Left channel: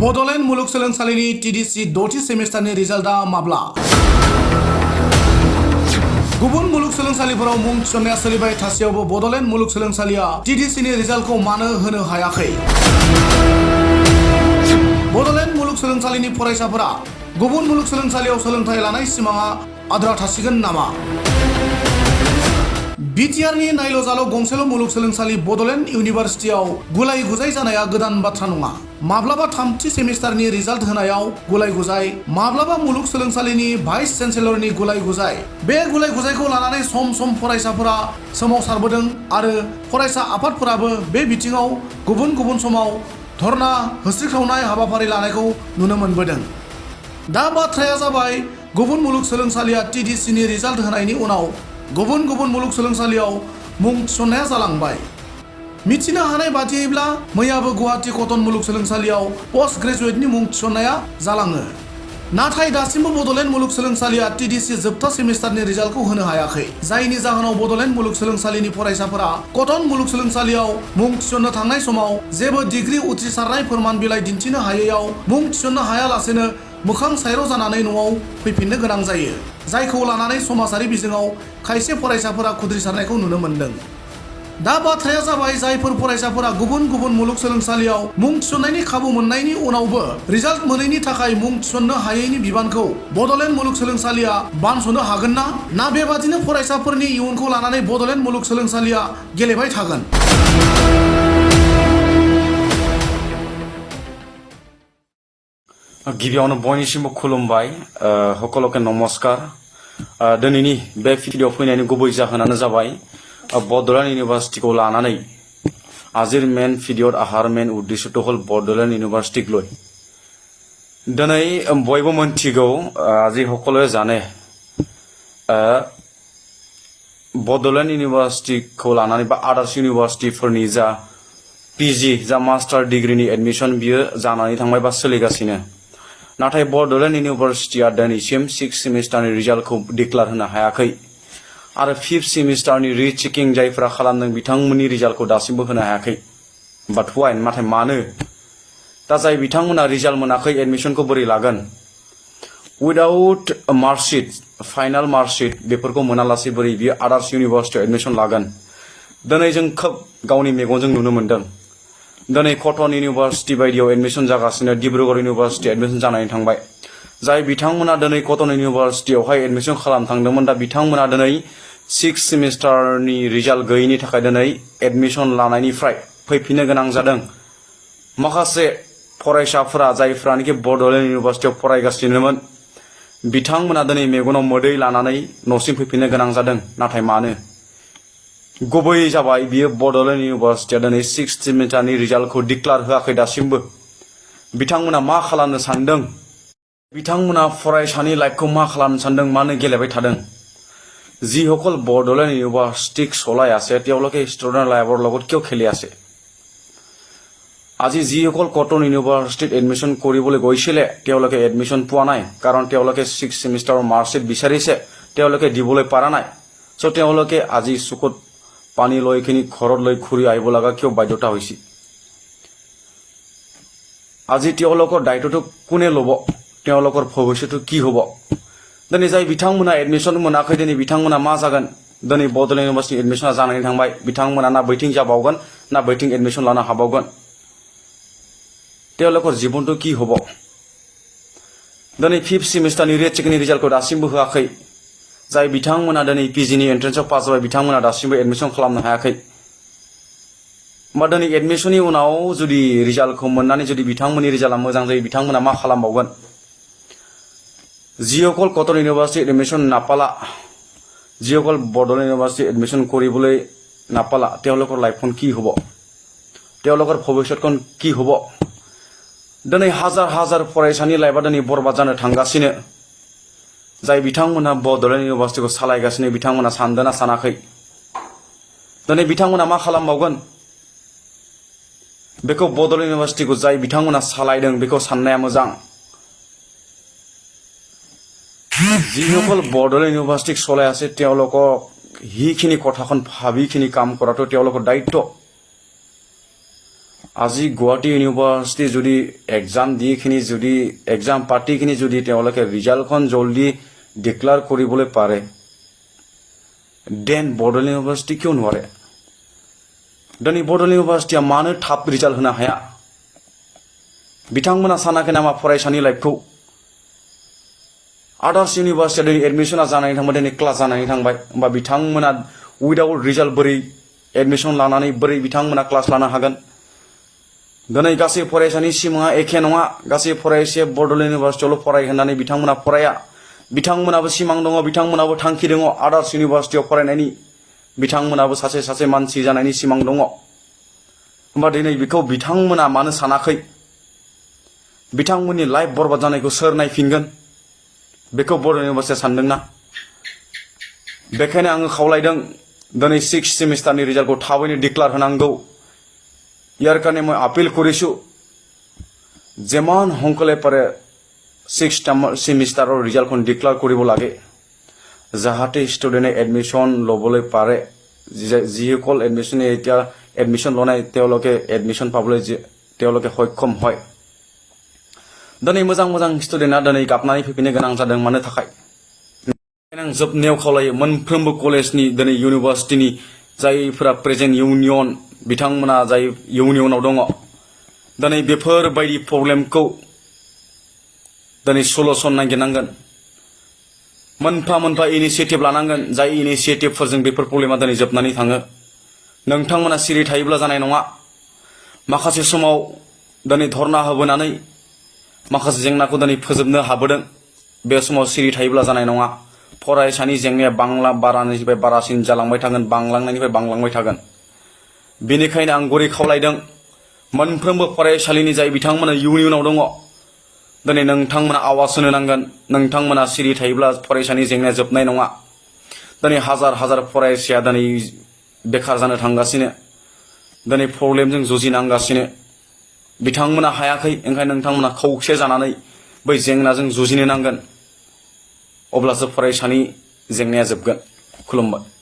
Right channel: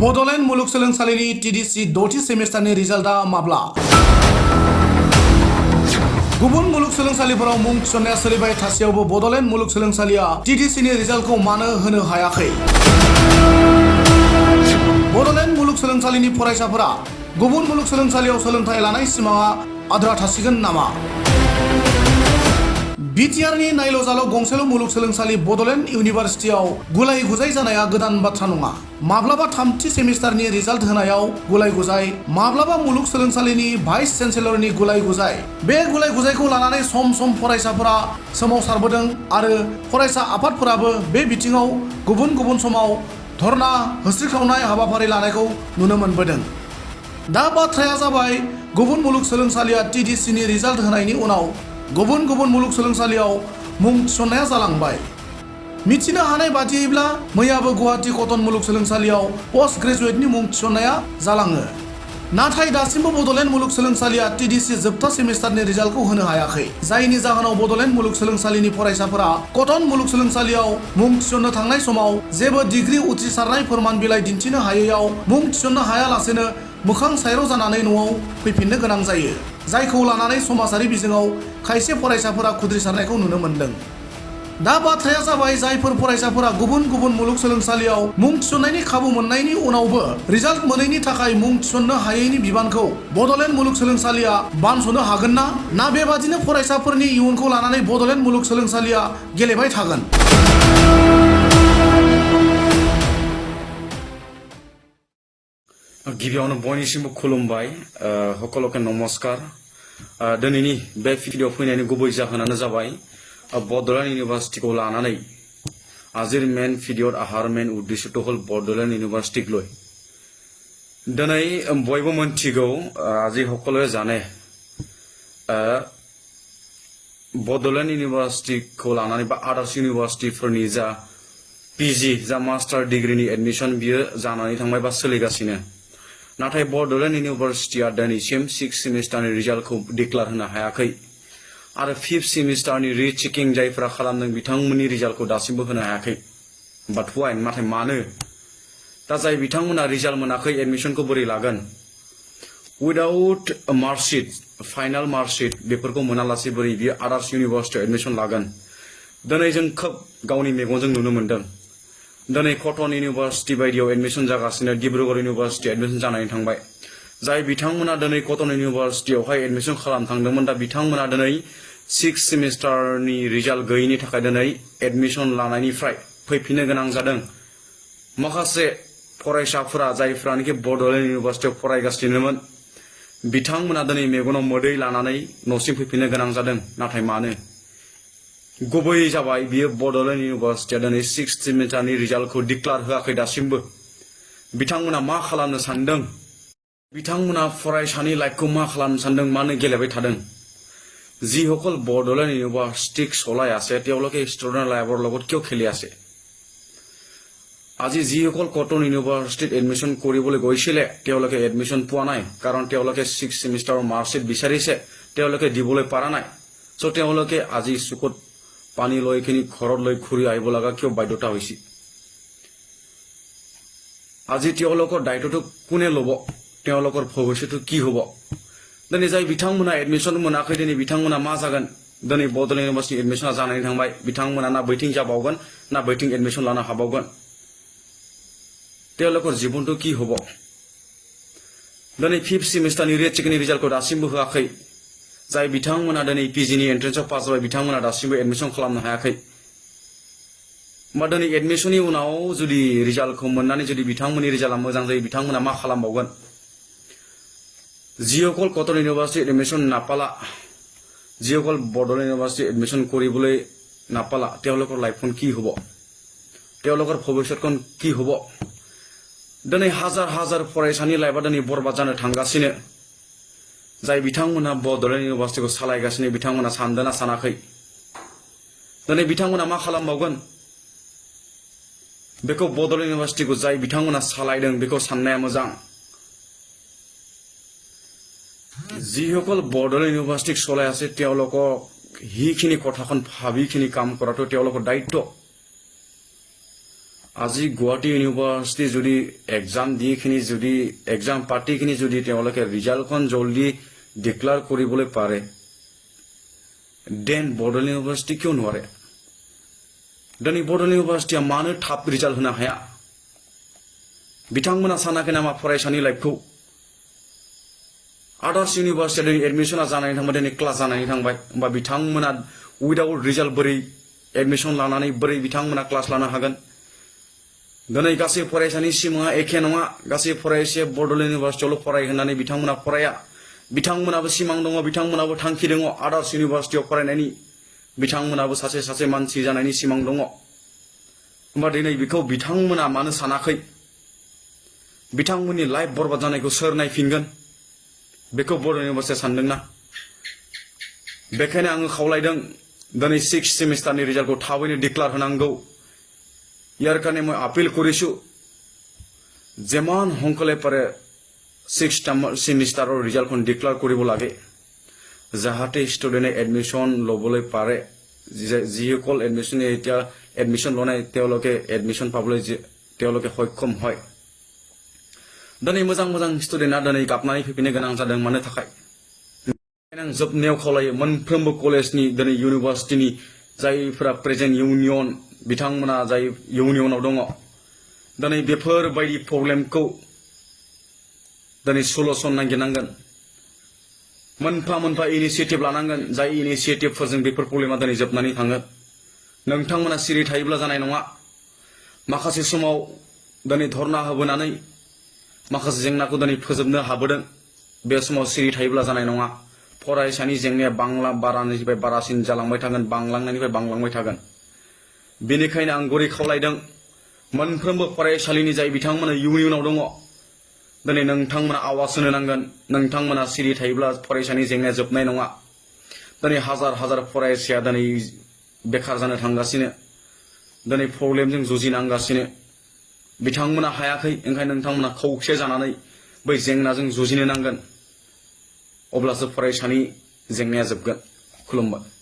बड'लेण्ड मुलुगसोलोंसालिनि टीडीसी द'थि सेमिस्टारनि रिजाल्टआ माब्ला? गुबुन मुलुगसोलोंसालिफोराव मुं थिसननाया सोलिबाय थासेयावबो बड'लेण्ड मुलुगसोलोंसालिया टीडीसीनि रिजाल्टखौ मानो होनो हायाखै? बड'लेण्ड मुलुगसोलोंसालिनि फरायसाफोरा गुबुन मुलुगसोलोंसालियाव सोलोंथाइ लानाय सिमाङा आद्रा थासिगोन नामा? बिटिआरनि नायल' जाल' गंसेल' मुलुगसोलोंसालि बड'लेण्ड इउनिभारसिटियाव गुलाय गुजाय जानाया गोदान बाथ्रा नङा। माब्लाबा थामथि सेमिस्टारनि रिजाल्ट होनायाव गुलाय गुजाय, माब्लाबा मुलुगसोलोंसालिनि भाइस चेन्सेलरनि गुलाय गुजाय। बे गुलाय गुजायखौ लानानै सम सम फरायसाफोरा सोमावसारबोदों आरो फरायसा आफादफोराबो बे बिथिङाव गुबुन गुबुन समाव धर्ना होस्रिख्रावनाय हाबाफारि लानायखौ नुनो मोनबोदों। दा बाथ्राया जाबाय, गुबुन मुलुगसोलोंसालिया टीडीसीनि रिजाल्ट होनायनि उनाव गुबुन गुबुन मुलुगसोलोंसालियाव मुं थिसननाया जालांबाय। मिथिनो हानाय बादियैब्ला मैयाबो गुवाहाटी कटन मुलुगसोलोंसालियाव पोस्ट ग्रेजुएटनि मुं थिसननाया जालाङो। नाथाय दासिमबो बड'लेण्ड मुलुगसोलोंसालिया टीडीसी जोबथा सेमिस्टारनि रिजाल्टखौ होनो हायाखै। जायनि जाहोनाव बड'लेण्ड मुलुगसोलोंसालिनि फरायसाफोरा कटन मुलुगसोलोंसालियाव मुं थिसननो थांनाय समाव जेबो डिग्री उथ्रिसारनाय फोरमान बिलाइ दिन्थिनो हायैयाव मुं थिसननो हायालासेनो मोखां सायर' जानानै न'आव फैफिननो गोनां जायो। जायखौ लानानै समाजारि बिजोङाव खायसे फरायसाफोरा खुद्रिसारनायखौ नुनो मोन्दों। दा बाथ्राया जाबाय, जायफोर फरायसाफोरा गुबुन गुबुन मुलुगसोलोंसालियाव मुं थिसननायनि खाबु मोननायनि उनावबो रिजाल्ट मोनैनि थाखाय मुं थिसननो हायैनि बिबानखौ बड'लेण्ड मुलुगसोलोंसालिया बानस'नो हागोन ना बेबादिनो फरायसाफोरनि इयुनखौ लानानै बड'लेण्ड मुलुगसोलोंसालिया गेलेबाय थागोन? गिबियावनो बयनिसिमबो खुलुमबाय, সকলকে नमस्कार। दिनैनि बे भिडिअ फैनायनि गुबै जाहोनानो जाबाय बड'लेण्ड इउनिभार्सिटिखौ लानानै আজিৰ मेन भिडिअ आहार मेन उद्देश्यটো हल बड'लेण्ड इउनिभार्सिटिक লৈ। दिनै बयबो मोनथिगौ, আজি সকলোৱে জানে, बड'लेण्ड इउनिभार्सिटिखौ लानानै बा आदार्स इउनिभार्सिटिफोरनि जा पिजि जा मास्टार डिग्रीनि एडमिशन बियो जानानै थांबाय बा सोलिगासिनो। नाथाय बड'लेण्ड इउनिभार्सिटिया दिनैसिम 6 सेमिस्टारनि रिजाल्टखौ डिक्लेयार होनो हायाखै आरो 5th सेमिस्टारनि रिचेकिं जायफोरा खालामदों बिथांमोननि रिजाल्टखौ दासिमबो होनो हायाखै। बाट वाइ? नाथाय मानो? दा जाय बिथांमोना रिजाल्ट मोनाखै एडमिशनखौ बोरै लागोन? उइदाउट मार्कशीट, फाइनाल मार्कशीट बेफोरखौ मोनालासे बोरै बियो आदार्स इउनिभार्सिटियाव एडमिशन लागोन? दिनै जों खोब गावनि मेगनजों नुनो मोन्दों। दिनै कटन इउनिभार्सिटि बायदियाव एडमिशन जागासिनो, डिब्रुगड़ इउनिभार्सिटि एडमिशन जानानै थांबाय। जाय बिथांमोना दिनै कटन इउनिभार्सिटियावहाय एडमिशन खालामनो थांदोंमोन, दा बिथांमोना दिनै 6 सेमिस्टारनि रिजाल्ट गैयैनि थाखाय दिनै एडमिशन लानायनिफ्राय फैफिननो गोनां जादों। माखासे फरायसाफोरा जायफ्रानोखि बड'लेण्ड इउनिभार्सिटियाव फरायगासिनोमोन बिथांमोना दिनै मेगनाव मोदै लानानै न'सिम फैफिननो गोनां जादों। नाथाय मानो? गुबै जाबाय, बियो बड'लेण्ड इउनिभार्सिटिया दिनै 6th सेमिस्टारनि रिजाल्टखौ डिक्लेयार होआखै दासिमबो। बिथांमोना मा खालामनो सानदों? बिथांमोना फरायसानि लाइफखौ मा खालामनो सानदों? मानो गेलेबाय थादों? যিসকল বড়োলেণ্ড ইউনিভাৰ্চিটিক চলাই আছে তেওঁলোকে ষ্টুডেণ্ট লাইফৰ লগত কিয় খেলি আছে? আজি যিসকল কটন ইউনিভাৰ্চিটিত এডমিশ্যন কৰিবলৈ গৈছিলে তেওঁলোকে এডমিশ্যন পোৱা নাই, কাৰণ তেওঁলোকে 6 সেমিষ্টাৰৰ মাৰ্কশ্বিট বিচাৰিছে, তেওঁলোকে দিবলৈ পৰা নাই। চ' তেওঁলোকে আজি চকুত পানী লৈ কিনি ঘৰত লৈ ঘূৰি আহিব লগা কিয় বাধ্যতা হৈছে? আজি তেওঁলোকৰ দায়িত্বটো কোনে ল'ব? তেওঁলোকৰ ভৱিষ্যতটো কি হ'ব? दिनै जाय बिथांमोना एडमिशन मोनाखै, दिनै बिथांमोना मा जागोन? दिनै बड'लेण्ड इउनिभार्सिटि एडमिशना जानानै थांबाय, बिथांमोना ना बैथिं जाबावगोन ना बैथिं एडमिशन लानो हाबावगोन? তেওঁলোকৰ জীৱনটো কি হ'ব? दिनै 5th सेमिस्टारनि रिचेकिंनि रिजाल्टखौ दासिमबो होआखै। जाय बिथांमोना दिनै पिजिनि एन्ट्रेन्सआव पास जाबाय बिथांमोना दासिमबो एडमिशन खालामनो हायाखै। होमबा दिनै एडमिशननि उनाव जुदि रिजाल्टखौ मोननानै जुदि बिथांमोननि रिजाल्टआ मोजां जायो, बिथांमोना मा खालामबावगोन? যিসকল কটন ইউনিভাৰ্চিটি এডমিশ্যন নাপালা, যিসকল বড়োলেণ্ড ইউনিভাৰ্চিটি এডমিশ্যন কৰিবলৈ নাপালা, তেওঁলোকৰ লাইফখন কি হ'ব? তেওঁলোকৰ ভৱিষ্যতখন কি হ'ব? দিनै হাজাৰ হাজাৰ फरायसानि लाइफआ दिनै बरबाद जानो थांगासिनो। जाय बिथांमोना बड'लेण्ड इउनिभार्सिटिखौ सालायगासिनो बिथांमोना सानदोंना सानाखै? दिनै बिथांमोना मा खालामबावगोन? बेखौ बड'लेण्ड इउनिभार्सिटिखौ जाय बिथांमोना सालायदों बेखौ साननाया मोजां। যিসকল বড়োলেণ্ড ইউনিভাৰ্চিটিক চলাই আছে তেওঁলোকক সেইখিনি কথাখন ভাবিখিনি কাম কৰাটো তেওঁলোকৰ দায়িত্ব। আজি গুৱাহাটী ইউনিভাৰ্চিটি যদি এক্সাম দি খিনি যদি এক্সাম পাতি খিনি যদি তেওঁলোকে ৰিজাল্টখন জলদি ডিক্লেয়াৰ কৰিবলৈ পাৰে দেন बड'ल ইউনিভাৰ্চিটি কিয় নোৱাৰে दिनै बड'ल इउनिभार्सिटिया मानो थाब रिजाल्ट होनो हाया बिथांमोना सानाखै नामा फरायसानि लाइफखौ आदार्स इउनिभार्सिटिया दिनै एडमिशना जानानै थांबाय दिनै क्लास जानानै थांबाय होमबा बिथांमोना उइदाउट रिजाल्ट बोरै एडमिशन लानानै बोरै बिथांमोना क्लास लानो हागोन दिनै गासै फरायसानि सिमाङा एखे नङा गासै फरायसाया बड'ल इउनिभार्सिटियावल' फरायहोनानै बिथांमोना फराया बिथांमोनाबो सिमां दङ बिथांमोनाबो थांखि दङ आदार्स इउनिभार्सिटियाव फरायनायनि बिथांमोनाबो सासे मानसि जानायनि सिमां दङ होमबा दिनै बेखौ बिथांमोना मानो सानाखै बिथांमोननि लाइफ बरबाद जानायखौ सोर नायफिनगोन बेखौ बड'ल इउनिभार्सिटिया सानदोंना बेखायनो आङो खावलायदों दिनै 6 सेमिस्टारनि रिजाल्टखौ थाबैनो डिक्लेयार होनांगौ ইয়াৰ কাৰণে মই আপিল কৰিছো যেমান সোনকালে পাৰে 6 সেমিষ্টাৰৰ ৰিজাল্টখন ডিক্লেয়াৰ কৰিব লাগে যাহাতে ষ্টুডেণ্টে এডমিশ্যন ল'বলৈ পাৰে যিসকল এডমিশ্যনে এতিয়া এডমিশ্যন লনাই তেওঁলোকে এডমিশ্যন পাবলৈ তেওঁলোকে সক্ষম হয় दिनै मोजां ষ্টুডেণ্টआ दिनै गाबनानै फैफिननो गोनां जादों मानो थाखाय आं जोबनायाव खावलायो मोनफ्रोमबो कलेजनि दिनै इउनिभार्सिटिनि जायफोरा प्रेजेन्ट इउनियन बिथांमोना जाय इउनियनाव दङ दिनै बेफोरबायदि प्रब्लेमखौ दिनै सलुसन नागिरनांगोन मोनफा इनिशिएटिभ लानांगोन जाय इनिशिएटिभफोरजों बेफोर प्रब्लेमा दिनै जोबनानै थाङो नोंथांमोना सिरि थायोब्ला जानाय नङा माखासे समाव दिनै धरना होबोनानै माखासे जेंनाखौ दिनै फोजोबनो हाबोदों बे समाव सिरि थायोब्ला जानाय नङा फरायसानि जेंनाया बारानिफ्राय बारासिन जालांबाय थागोन बांलांनायनिफ्राय बांलांबाय थागोन बेनिखायनो आं गुरै खावलायदों मोनफ्रोमबो फरायसालिनि जाय बिथांमोना इउनियनाव दङ दिनै नोंथांमोना आवाज होनो नांगोन नोंथांमोना सिरि थायोब्ला फरायसानि जेंनाया जोबनाय नङा दिनै हाजार फरायसाया दिनै बेखार जानो थांगासिनो दिनै प्रब्लेमजों जुजिनांगासिनो बिथांमोना हायाखै ओंखायनो नोंथांमोना खौसे जानानै बै जेंनाजों जुजिनो नांगोन अब्लासो फरायसानि जेंनाया जोबगोन खुलुमबाय